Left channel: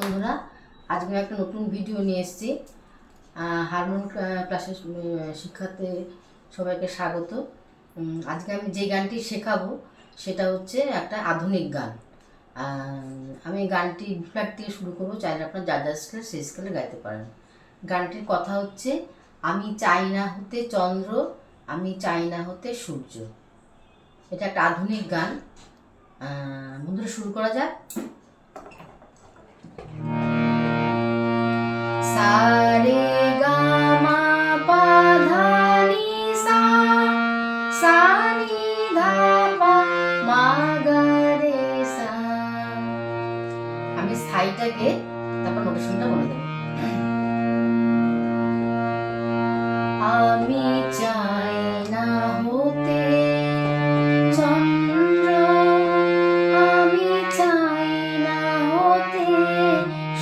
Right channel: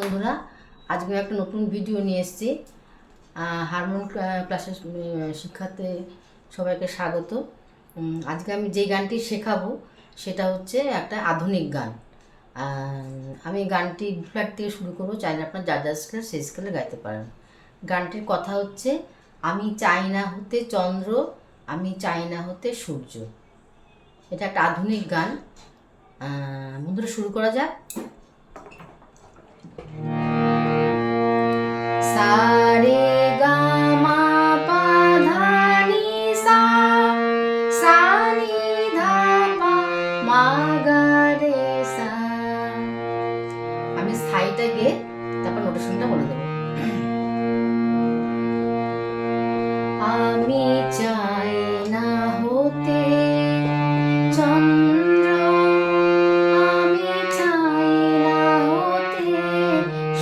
বন্ধুরা, আজকে একটা নতুন ভিডিও নিয়ে এসেছি। হারমোনিয়াম ক্লাসের শিক্ষার্থী সবাইকে স্বাগত। আজকে আমি যে গানটি শেখাবো সেটা হচ্ছে একটা আধুনিক গান। আমি গানটি ফ্ল্যাট থেকে শুরু করবো, চাইলে আপনার যা স্কেল সেই স্কেলে গাইতে পারেন। গানটির কথা হচ্ছে, আমি চাই না হতে চন্দ্র, আমি চাই না হতে সূর্য। এটা একটা আধুনিক গান। বন্ধুরা, শুরু করা যাক। সারে গামা পাধানি সা, সা নি ধা পা মা গা রে সা। আমি স্থায়ীটা গেয়ে তারপর নোটেশনটা বলে দেবো। আমি চাই না হতে চন্দ্র, আমি চাই না হতে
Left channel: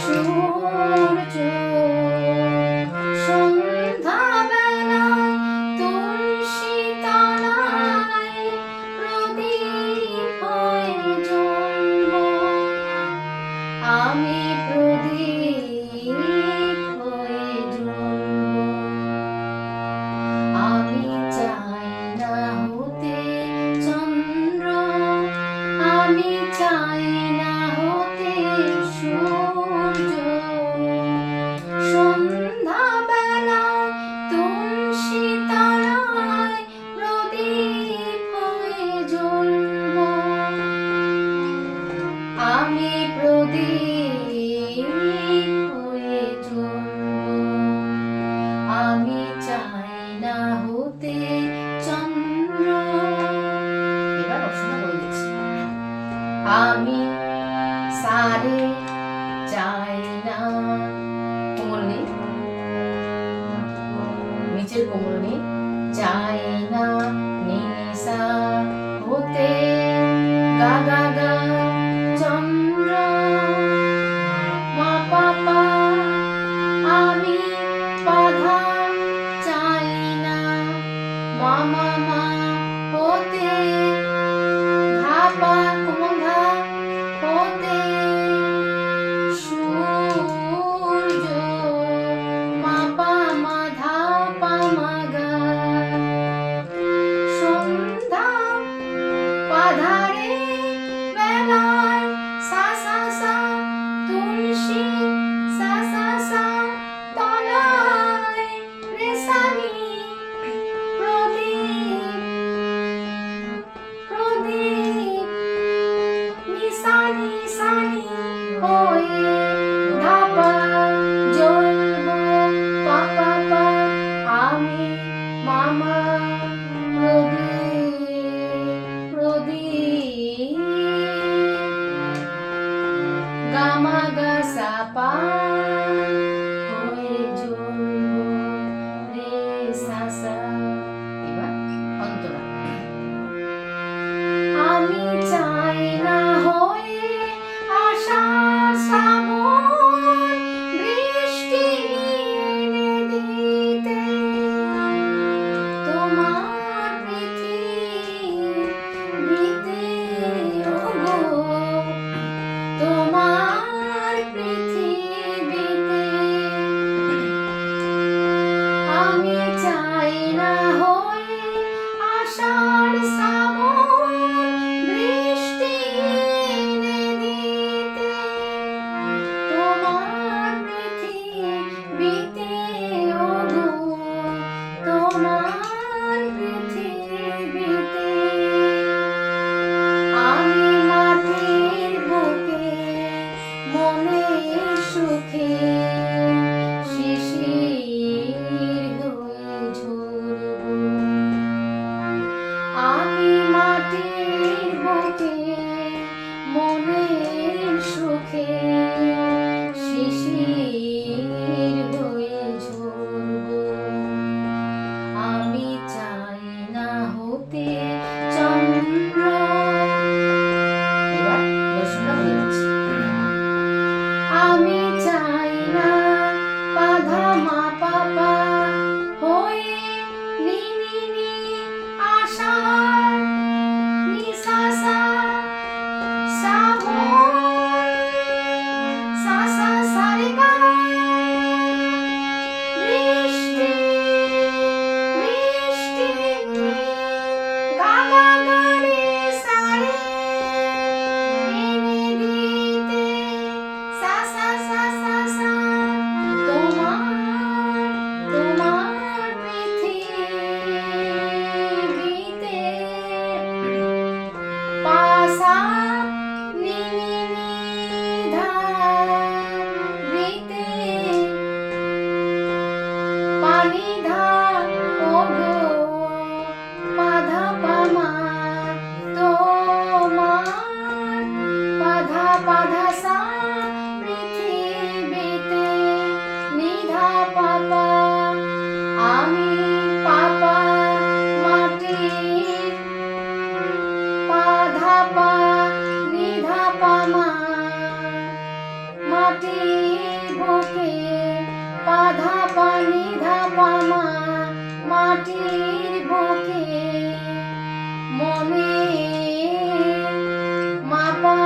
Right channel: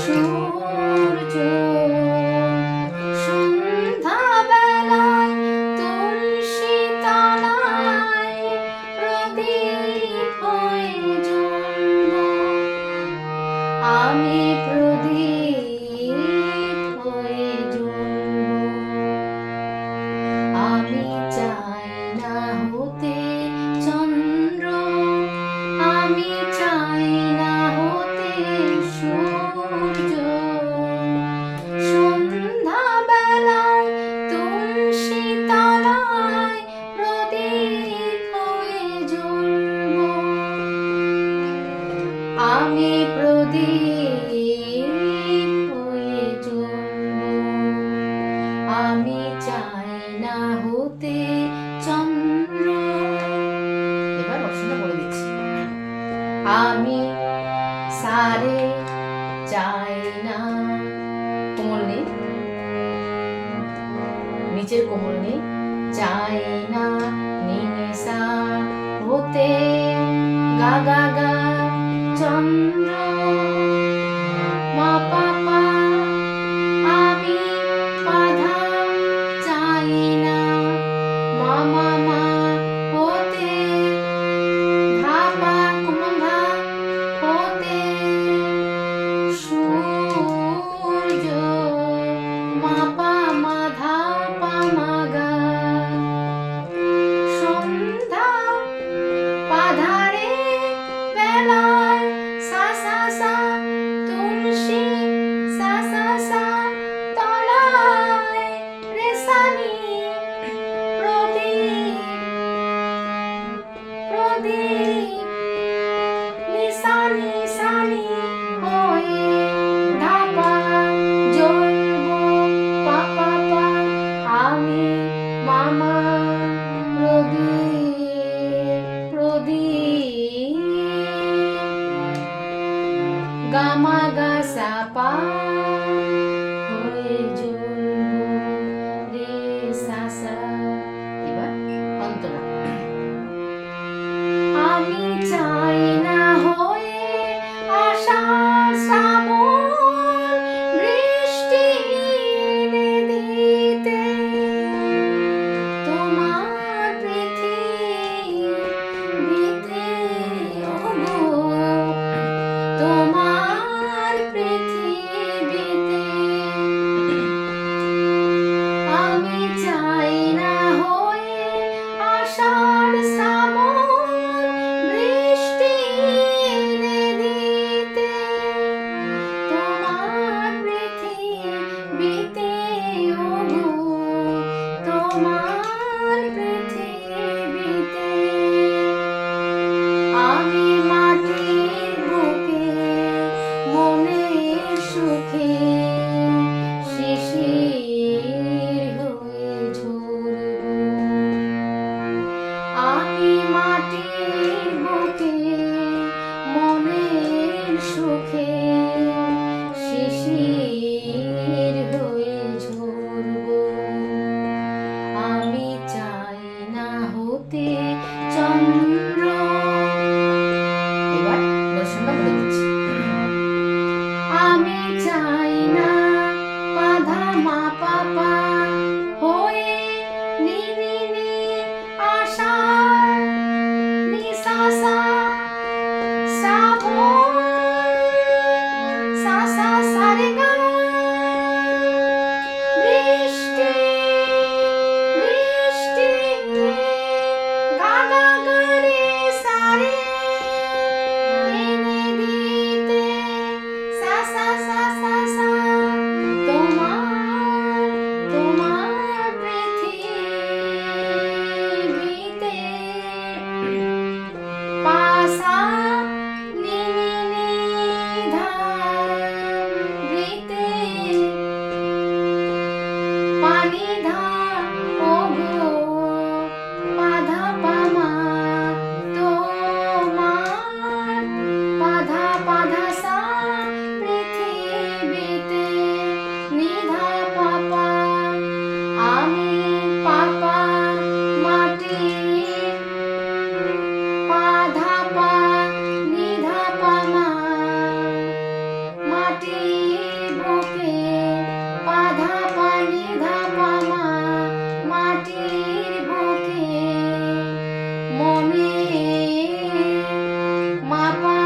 সূর্য। সন্ধ্যাবেলায় তুলসী তলায় প্রদীপ হয়ে জ্বলব, আমি প্রদীপ হয়ে জ্বলব। আমি চাই না হতে চন্দ্র, আমি চাই না হতে সূর্য। সন্ধ্যাবেলায় তুলসী তলায় প্রদীপ হয়ে জ্বলব, আমি প্রদীপ হয়ে জ্বলব। আমি চাই না হতে চন্দ্র। এবার অপশনটা বলে দিচ্ছি। আমি সারে চাই না, কোমল নেই, নিচের কোমল নেই, চাই না নি সা হতে গা গা গা চন্দ্র মা পা পা। আমি পাধা চাই না মা মা মা হতে ধা পা কোমল ধা হতে সূর্য মা পা মা ধা পা মা গা। সন্ধ্যা পাধারে বেলায় সা সা সা তুলসী সা সা সা তলায় রে সা নি প্রদীপ নিশানি হয়ে ধা পা জ্বলব পা পা পা। আমি মামা প্রদীপ গামা গা সা পা হয়ে জ্বলব রে সা সা। এবার অন্তরা। আমি চাই না হয়ে আষাঢ় শ্রাবণ বৃষ্টি দিতে, তোমার পৃথিবীতে ওগো, তোমার পৃথিবীতে। আমি চাই না হয়ে আষাঢ় শ্রাবণ বৃষ্টি দিতে, তোমার পৃথিবীতে ওগো, তোমার পৃথিবীতে। আমি মাটির বুকে মনের সুখে শিশির হয়ে ঝরব, আমি মাটির বুকে মনের সুখে শিশির হয়ে ঝরব। আমি চাই না হতে চন্দ্র। এবার দর্শনটা বলে দিচ্ছি। আমি চাই মাটির বুকে মনে মাপা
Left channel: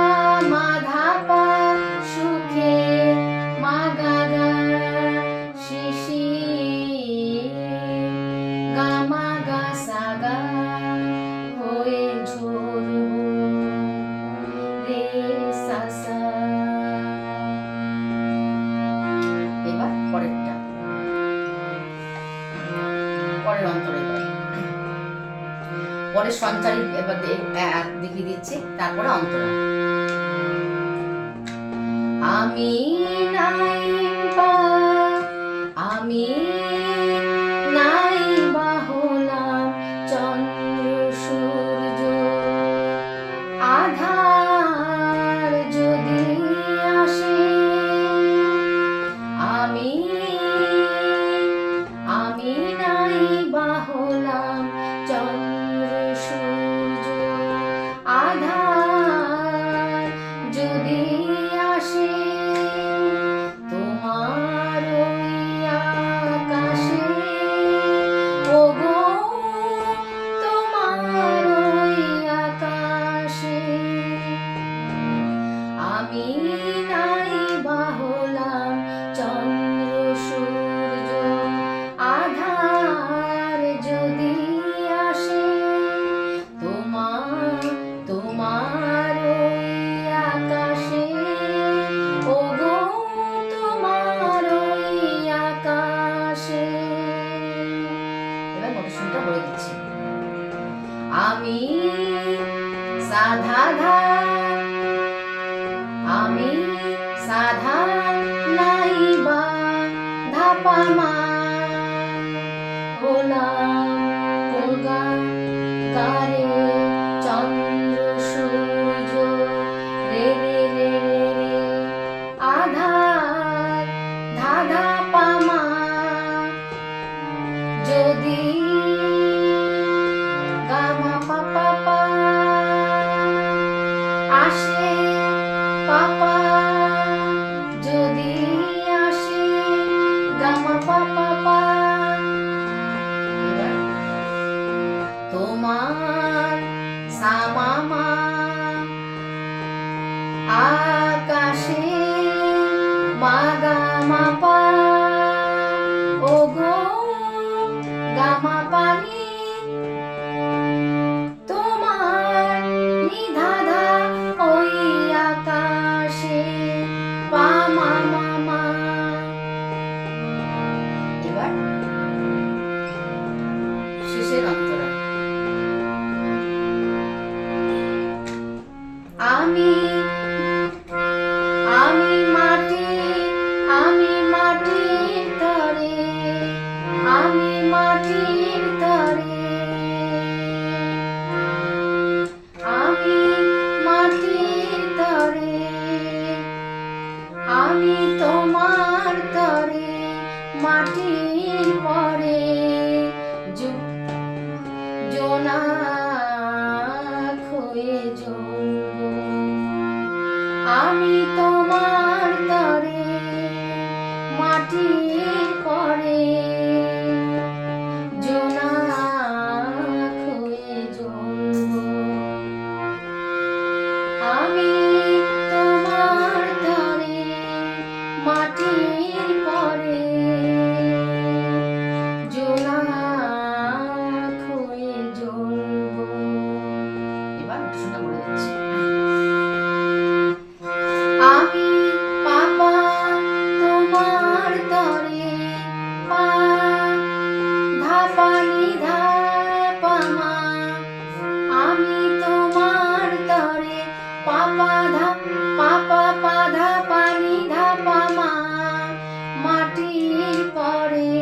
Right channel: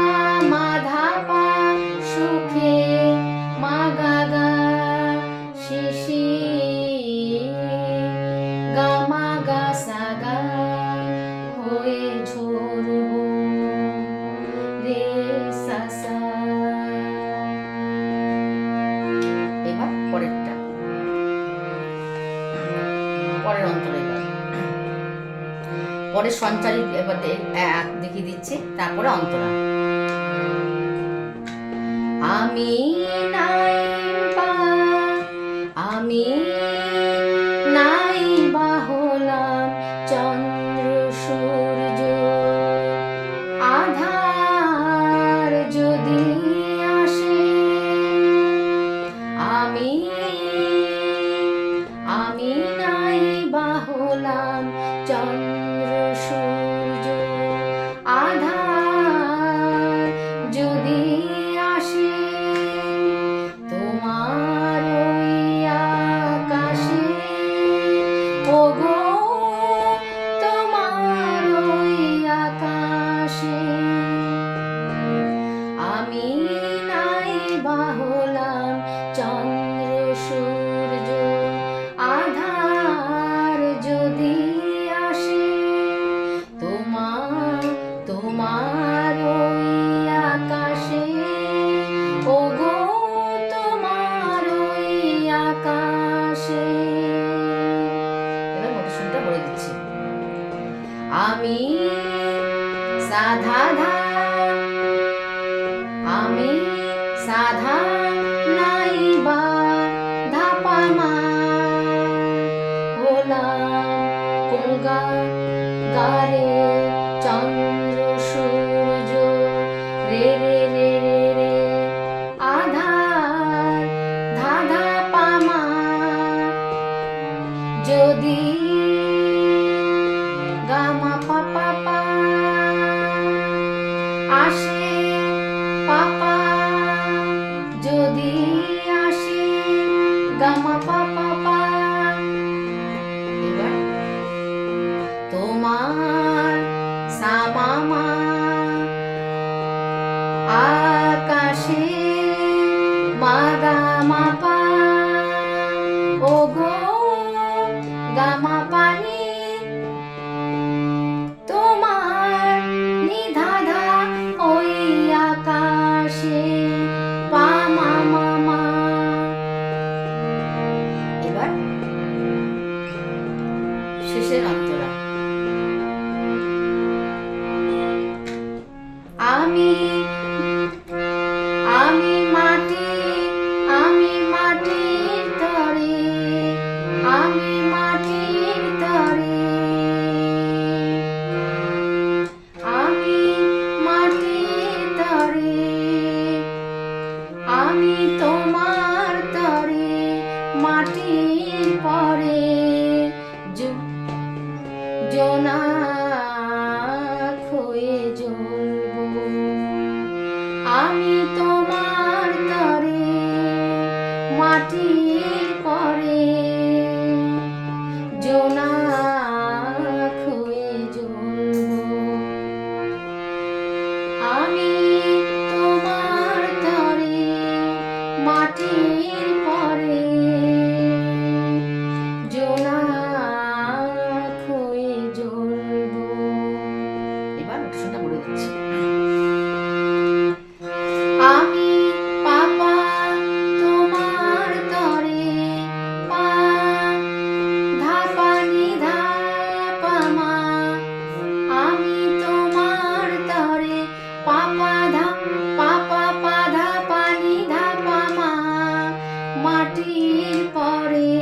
মাধাপা সুখে মাগাগা শিশি গামাগা সাগা হয়ে ঝরব রে সাসা। এবার পরেরটা, পরের অন্তরা। পরে সঞ্চারিত এবার দেখিয়ে দিচ্ছি, তারপরে অন্তরা। আমি নাই বা আমি নাই বা হলাম চন্দ্র সূর্য, আধার যদি আসে আমি নাই বা হলাম চন্দ্র সূর্য, আধার যদি আসে তোমার ওই আকাশে, ওগো তোমার ওই আকাশে আমি নাই বা হলাম চন্দ্র সূর্য, আধার যদি আসে তোমার ওই আকাশে, ওগো তোমার ওই আকাশে। এবার মোটেশনটা বলে দিচ্ছি। আমি সাধা ধা আমি সাধা নাই বা ধাপা মা হলাম কোগা গারে চন্দ্র সূর্য, রে রে রে রে রে আধার ধাধা পামা যদি গামা পাপা পা আসে, পাপা যদি আসে গামা পাপা পা। এবার তোমার সামামা আকাশে মাগা মাপা, ওগো গামা পানি তোমার নিধাধা ওই আকাশে পামা মামা। এবার শেষের অন্তরা। আমি মাটির তরে, আমি মাটির তরে, আমি মাটির তরে, আমি তোমার তরে মাটির পরে জোনাক হয়ে জ্বলব, আমি তোমার তরে মাটির পরে জোনাক হয়ে জ্বলব, আমি তোমার তরে মাটির পরে জোনাক হয়ে জ্বলব। এবার ওটা বলে দিচ্ছি। আমি পাপা তোমার তরে পা ধাপা নিধা পামা, আমি তোমার তরে পাপা ধা পাপা পাধা পানি ধাপা মা মাটির পরে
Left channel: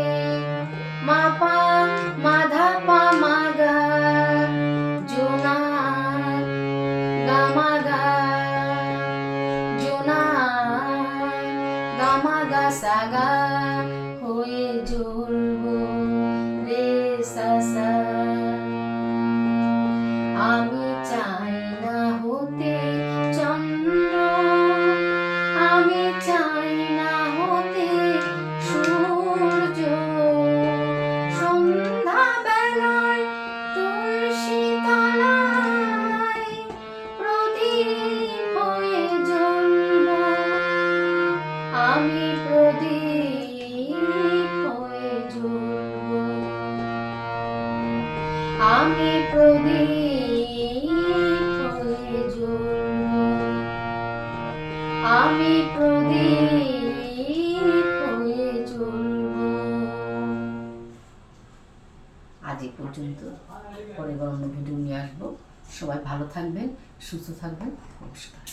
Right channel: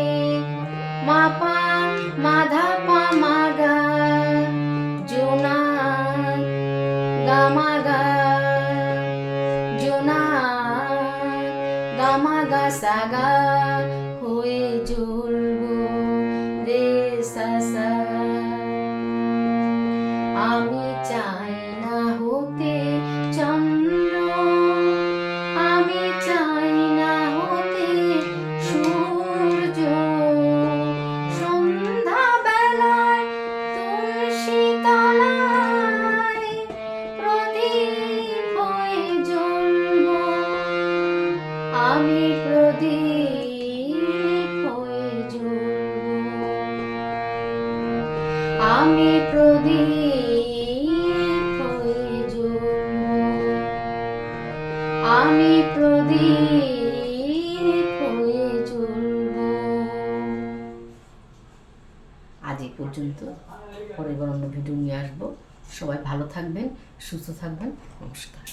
মাপা মাধা পা মাগা জোনাক গামাগা জোনাক গামাগা সাগা হয়ে জ্বলব রে সাসা। আমি চাই না হতে চন্দ্র, আমি চাই না হতে সূর্য, সন্ধ্যা প্রদীপ হয়ে জ্বলব, আমি প্রদীপ হয়ে জ্বলব। আজ এই পর্যন্ত, পরের বার অন্য ভিডিও নিয়ে আসবো। সবাই ভালো থাকবেন, সুস্থ থাকবেন। নমস্কার।